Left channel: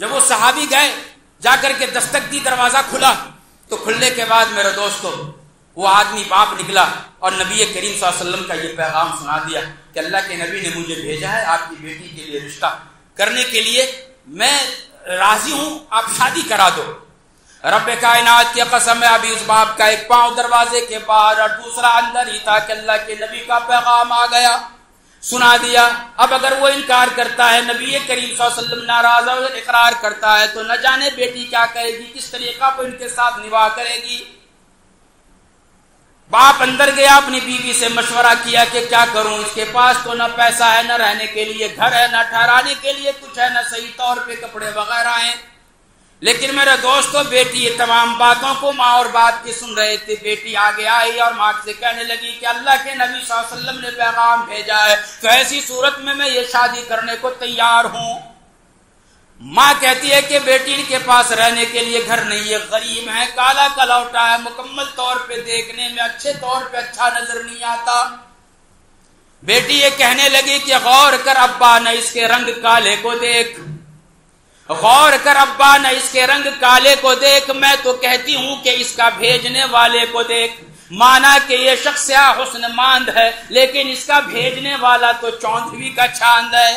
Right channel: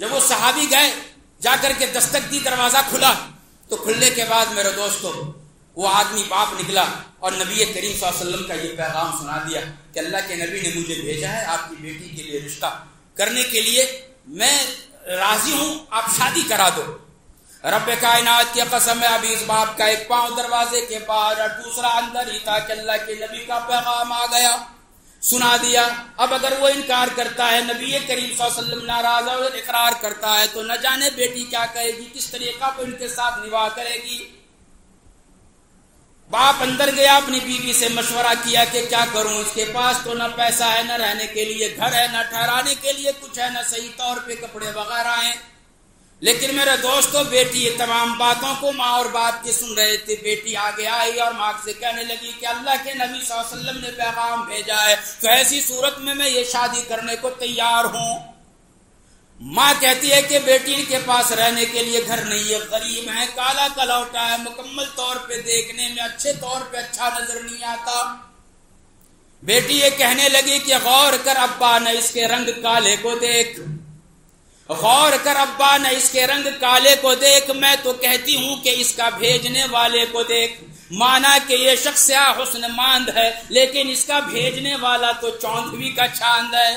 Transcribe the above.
جب وہ صحابی گئے جا کر کے دستک دی، دروازہ کھلا، تو کھلنے کے بعد میرے دوستو وہ آدمی باپ نکلا اور نبی کریم صلی اللہ علیہ وسلم کا یہ پیغام سنا دیا کہ اللہ کے نبی نے مجھے بھیجا ہے آپ کی بیٹی کے لیے رشتہ کرنے کے لیے، میں راضی ہوں، آپ شادی کرا دو۔ رب کائنات کی قسم ہے، ابھی اس باپ کا ایک پاؤں دروازے کے باہر اور دوسرا اندر ہی تھا کہ اللہ کے نبی کا پیغام آ گیا، سنا دیا۔ اب اگر وہ انکار کرتا ہے، نبی کریم صلی اللہ علیہ وسلم ناراض اور اقرار کرتا ہے، تو نہ جانے بیٹی کیا کہے گی، کس طریقہ پر ان کے ساتھ نواح کرے گی۔ باپ اندر گیا، اپنی بیوی سے مشورہ کیا کہ کیا کروں، اس کے پاس تو نہ پیسہ ہے، نہ رہنے کے لیے گھر ہے، نہ ٹھہرانے کے لیے کچھ ہے، نہ صحیح طور پہ کپڑے وغیرہ ہیں۔ لیکن میرے دوستو بیٹی یہ تمام باتوں کو ماں اور باپ کی سن رہے تھے۔ بیٹی آگے آئی اور ماں سے کہنے لگی کہ اللہ کے نبی صلی اللہ علیہ وسلم نے پیغام بھیجا ہے، تو ایسی صورت میں یہ شادی کرنے کو تیار ہوں۔ ماں کہتی ہے کہ بیٹی ان کے پاس رہنے کے لیے گھر نہیں ہے، غریب ہے، کالا کلوٹا ہے، مکمل طور پہ دیکھنے میں اچھے طور پہ اچھا نظر نہیں آتا۔ بیٹی یہ کہنے لگی کہ غور کر ابا، نہ اس کے رنگ کالے کو دیکھ، غور کر ابا، نہ اس کے رنگ کالے کو دیکھ، میں تو کہتی ہوں کہ اس کا بھیجنے والے کو دیکھ۔ مانا کہ یہ شخص حسن ماند ہے، لیکن اس کا بھیجنے والا تو چوندھویں کا چاند ہے۔